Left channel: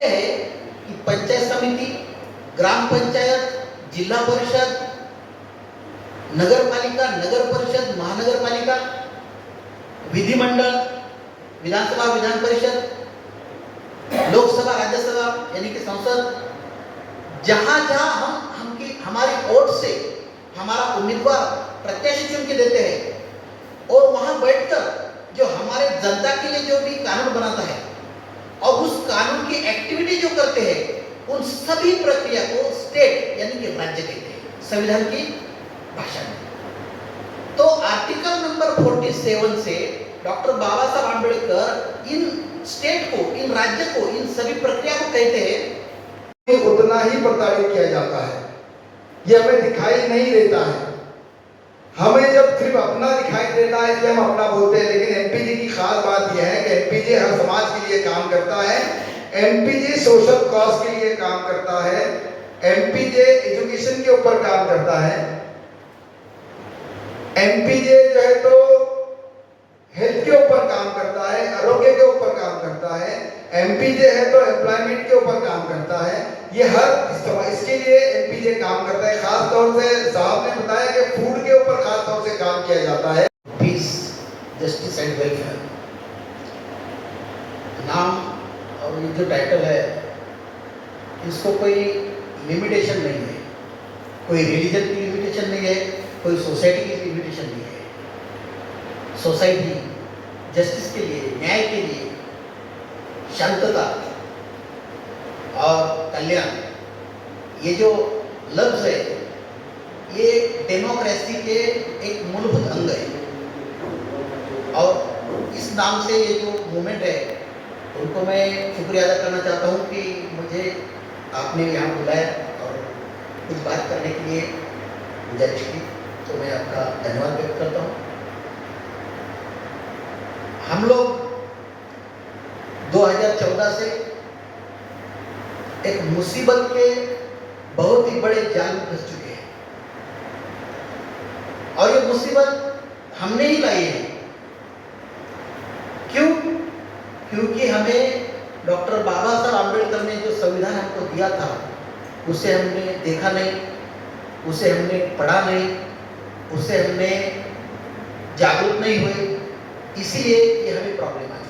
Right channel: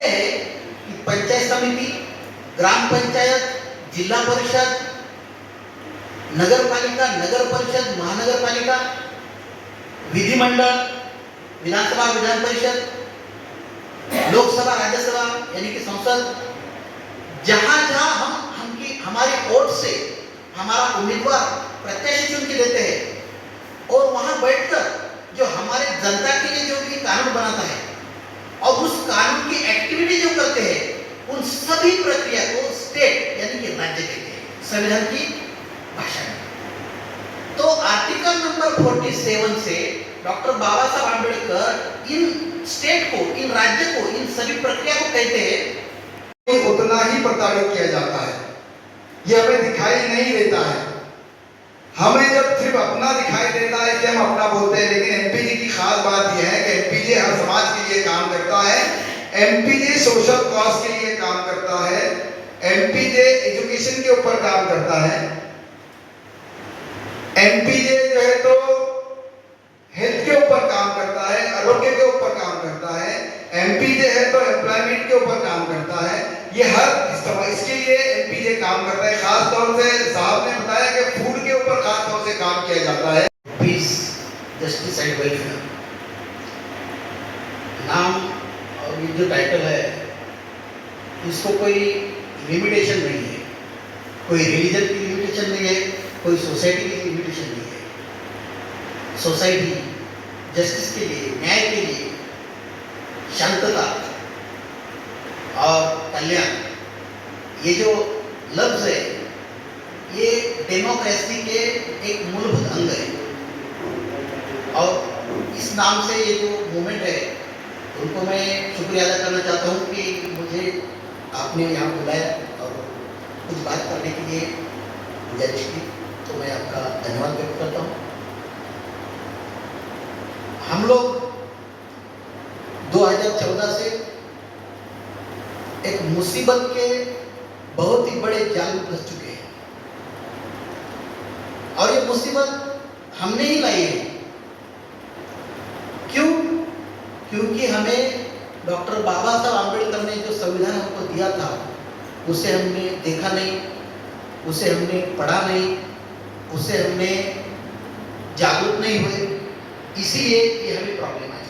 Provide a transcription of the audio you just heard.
है कि पंचायत समिति, ग्राम पंचायत, जिला परिषद, नगर पालिका, नगर परिषद, महानगरपालिका, विधिमंडल, विधानसभा, विधान परिषद, लोकसभा, राज्यसभा यानी कि संसद, जहां जहां हम हमारी वोट से हमारा उम्मीदवार प्रत्याशी चुन के देते हैं और वहां बैठकर जो हमारे जनता के लिए जो भी कानून बनाता है और उस कानून की एक्टिविटी जो करते हैं उन सभी प्रक्रिया को स्टेट यानी कि राज्य कहते हैं संविधान की भाषा में। तो आर्टिकल नंबर 47 से डॉक्टर बाबा साहब आंबेडकर इन स्टेट को, इन राज्य को, इन सभी प्रक्रिया को कहते हैं उतना ही प्रताड़ित किया जाता है। ये हमें दिखाई नहीं देता है। हमें जब सिर्फ अपना दिखाई देता है इसलिए हम अपना बोलते हैं, लेकिन एमपीजी की खास बात यह है कि एमपीजी हर समाज के लिए काम करता है। एमपीजी सोशल कॉज के लिए काम करता है। एमपीजे एजुकेशन के ऊपर काम करता है। एमपीजे जो है तो हेल्थ के ऊपर काम करता है, आरोग्य के ऊपर काम करता है। एमपीजे है तो एम्प्लॉयमेंट के ऊपर काम करता है। ये हर इसके लिए एमपीजे काम करता है। खास तौर से साहब ने बताया कि फूड के ऊपर खास तौर से काम किया जाता है। पीस, जस्टिस एंड वेलफेयर नाम और ये जो टाइटल है इसको कोई लिमिटेशन नहीं है, कोई रिलीजन की लिमिटेशन नहीं है, कोई सोसाइटी की लिमिटेशन नहीं है। सोसाइटी जस्टिस के लिए, न्याय के लिए, शांतता और कल्याण, ये जो लफ्ज है ये डेमोक्रेसी के एक मूलभूत अंग है। और इस नाम से ये जो मूवमेंट है उनको मैं शुक्रिया अदा करना चाहता हूँ कि मुझे आपने यहाँ बुलाया और कुछ बात करने के लिए गुजारिश की, तो मैं आपका धन्यवाद व्यक्त करता हूँ। हम लोग 2014 से एक मुसीबत के बहुत ही बड़े जाल में फंस चुके हैं और ये मुसीबत हमने ही लाई है। क्यों? क्योंकि हमें डॉक्टर बाबा साहब आंबेडकर ने जो संविधान हमको दिया था उसे हमने देखा नहीं, उसे हमने पढ़ा नहीं, उसे हमने जागरूक नहीं हुए, इसीलिए ये हमें प्रॉब्लम आई।